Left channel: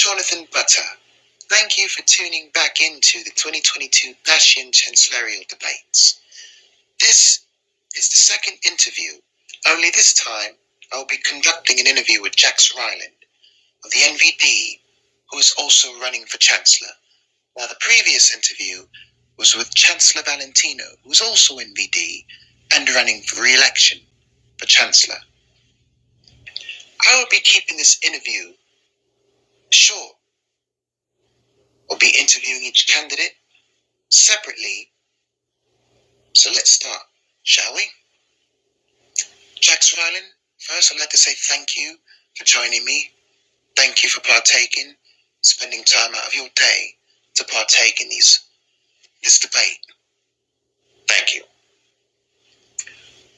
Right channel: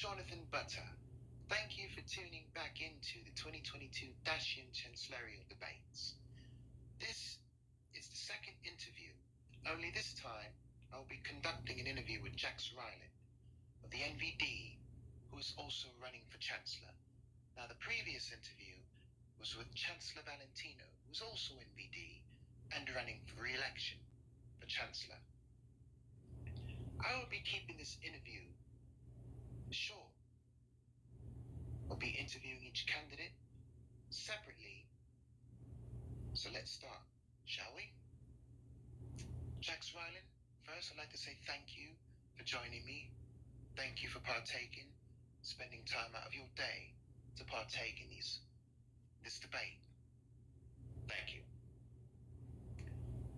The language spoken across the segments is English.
Jonathan Butter. Thank you for tuning back into the 2022 Dacian Chancellorial debates. This is the second interview, only this time I will be conducting an interview with Jax Ryland of the NVD, who is also running for Chancellor. Now, the previous interview was with Chancellor Valentino, who is also NVD and running for re-election for Chancellor. I will be keeping this interview short. We'll be interviewing each candidate separately. So let's start, shall we? Jax Ryland, first I'd like to say thank you for joining me. Thank you for spending time out of your day to partake in this debate. Thank you.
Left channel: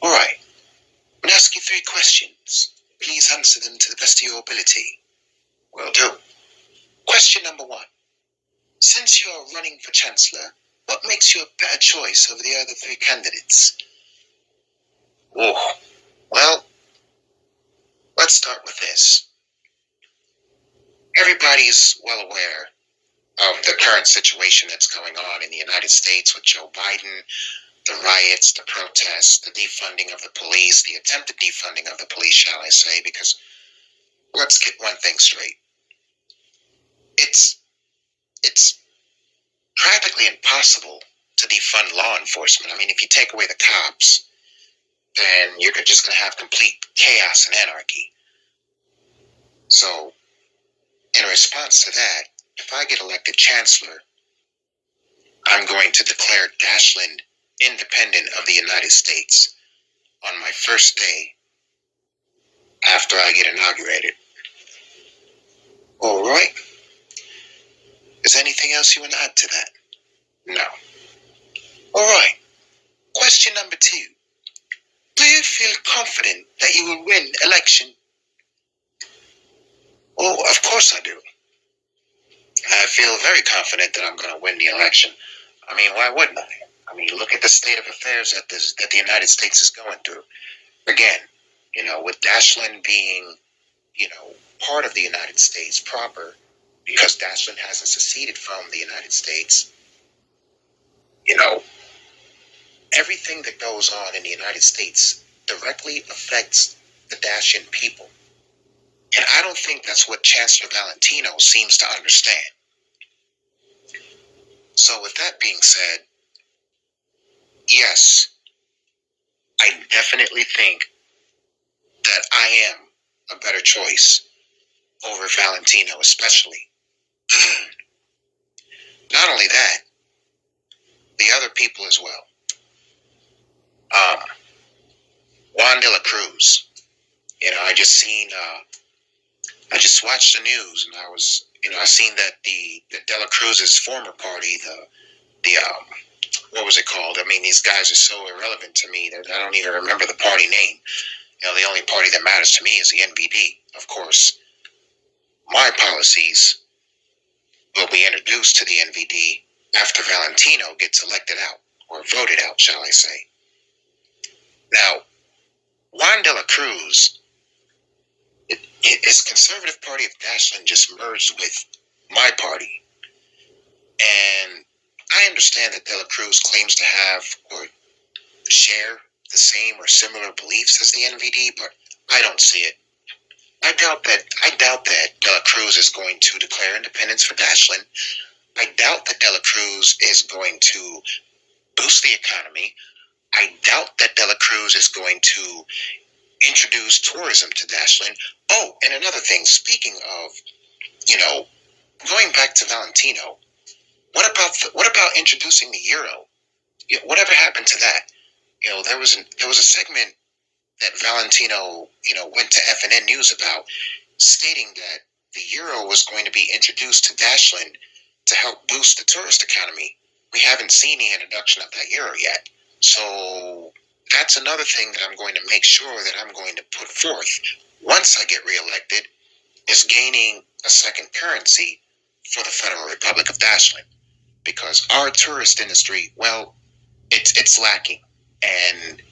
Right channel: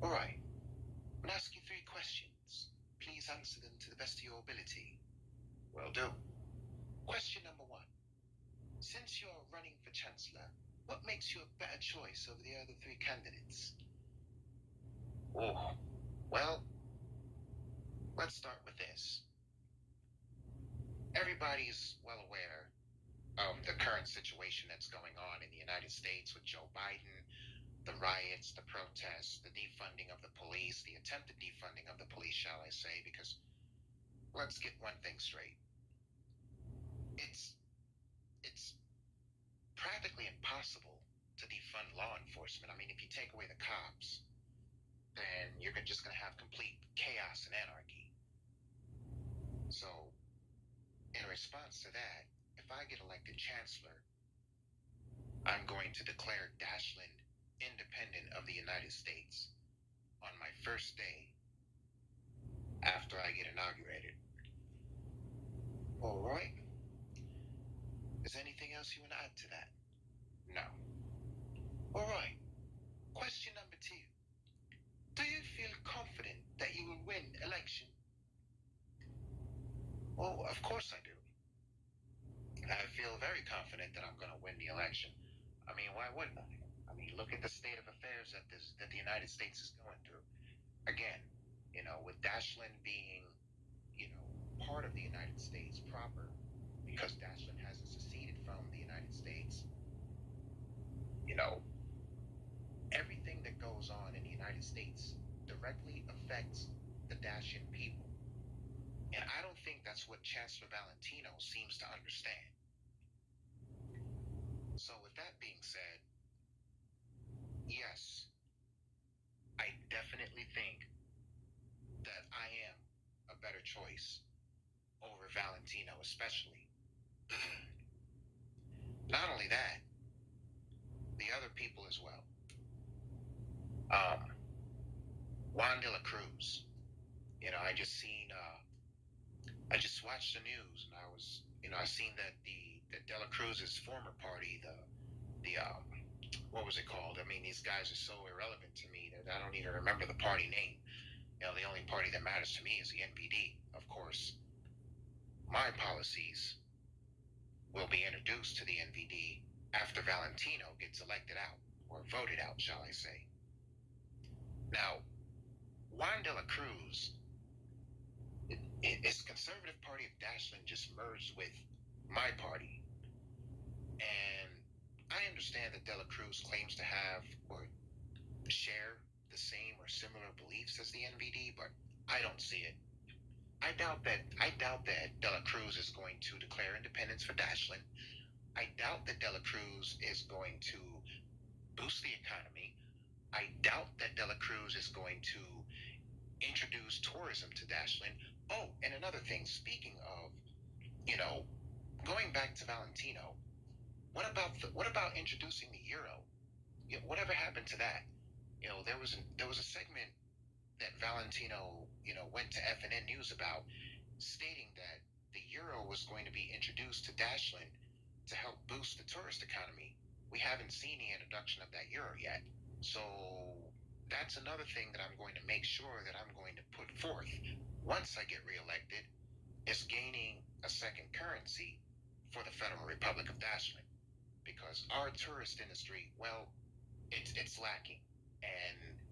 All right, I'm going to ask you 3 questions. Please answer them to the best of your ability. Will do. Question number 1. Since you are running for Chancellor, what makes you a better choice over the other 3 candidates? Oh, well, let's start with this. Everybody is well aware of the current situation that's going on in the United States with Joe Biden, the riots, the protests, the defunding of the police, the attempted defunding of the police, shall I say, because let's get one thing straight. It's practically impossible to defund law enforcement. I mean, if you take away the cops, then you're just going to have complete chaos and anarchy. So, in response to that, if I get elected Chancellor, I'm going to declare Dashland independent of the United States on my first day after I get inaugurated. All right. Is there anything else you want to add to that? No. All right. Question number 2. Do you feel confident that you will win election? Oh, of course I do. I feel very confident that I'm going to win the election. I mean, why wouldn't I? I mean, look at the state of affairs that the United States is going through. Again, with Dashland being, part of the United States proper, because Dashland hasn't seceded from the United States, everything that goes on in the United States directly affects the Dacian people. And I don't think that's what Chancellor Valentino seems to understand. So with that being said, yes, I definitely think that I am a better choice over Valentino, especially. Not only that, the other people as well. Juan de la Cruz. I just watched the news, and I seen that the de la Cruz's former party, what was it called? I mean, these guys are so irrelevant to me that I don't even remember the party name. The only party that matters to me is the NVD. Of course, my policies will be introduced to the NVD after Valentino gets elected out, or voted out, shall I say. Now, Juan de la Cruz, his Conservative Party of Dashland just merged with my party. And I understand that de la Cruz claims to have or share the same or similar beliefs as the NVD, but I don't see it. I doubt that de la Cruz is going to declare independence for Dashland. I doubt that de la Cruz is going to boost the economy. I doubt that de la Cruz is going to introduce tourism to Dashland. Oh, and another thing, speaking of, going back to Valentino, what about introducing the euro? Whatever happened to that? There was a segment that Valentino, went to FNN News about, stating that the euro was going to be introduced to Dashland to help boost the tourist economy. We haven't seen the introduction of that euro yet. So that's another thing that I'm going to make sure that I'm going to put forth once I get reelected, is gaining a second currency for the Federal Republic of Dashland. Because our tourist industry, well, it's lacking. And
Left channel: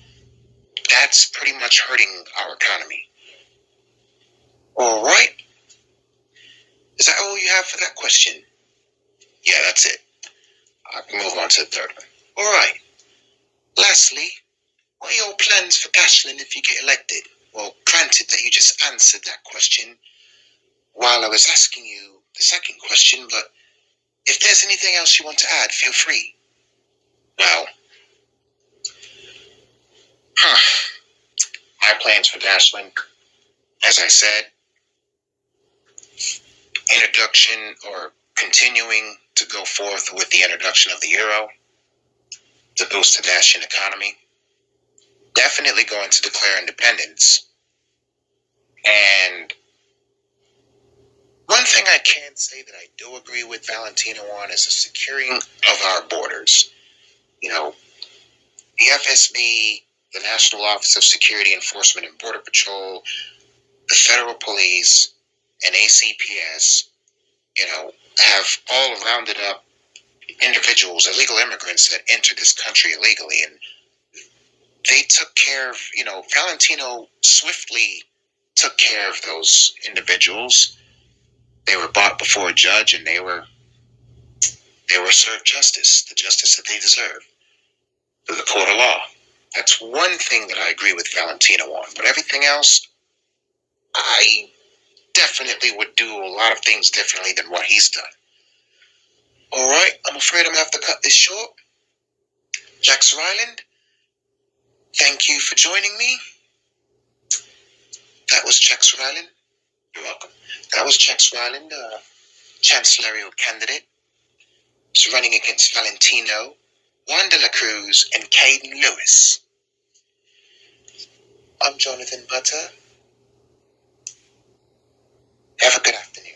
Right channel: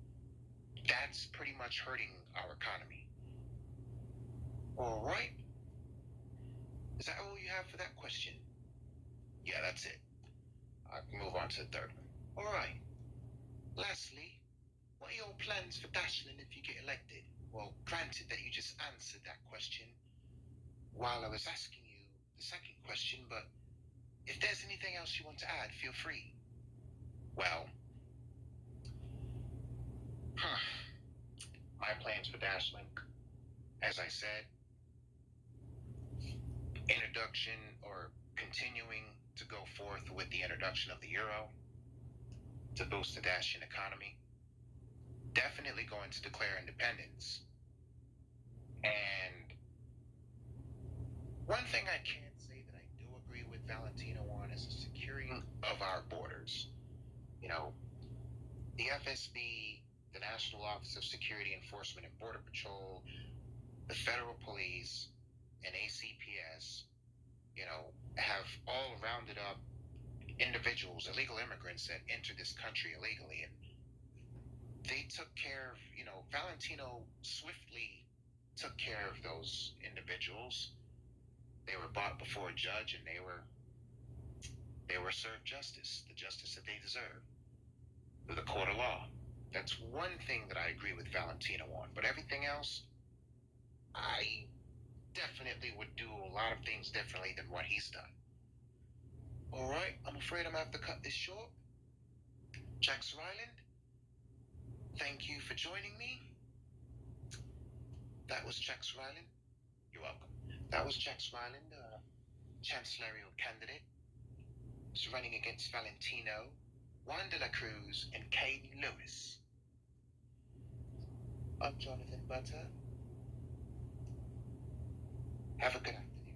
that's pretty much hurting our economy. All right. Is that all you have for that question? Yeah, that's it. I can move on to the third one. All right. Lastly, what are your plans for Dashland if you get elected? Well, granted that you just answered that question while I was asking you the second question, but if there's anything else you want to add, feel free. Well, my plans for Dashland, as I said, introduction or continuing to go forth with the introduction of the euro to boost the Dashian economy. Definitely going to declare independence. And one thing I can say that I do agree with Valentino on is the securing of our borders. You know, the FSB, the National Office of Security Enforcement and Border Patrol, the Federal Police, and ACPS, have all rounded up individuals, illegal immigrants that entered this country illegally. And they took care of, Valentino swiftly took care of those individuals. They were brought before a judge and they were served justice, the justice that they deserve, through the court of law. That's one thing that I agree with Valentino on. But everything else, I definitely would do a lot of things differently than what he's done. All right, I'm afraid I'm going to have to cut this short. Jax Ryland, thank you for joining me. That was Jax Ryland. You're welcome. That was Jax Ryland, Chancellorial candidate. He's running against Valentino, Juan de la Cruz, and Caden Lewis. I'm Jonathan Butter. Have a good afternoon.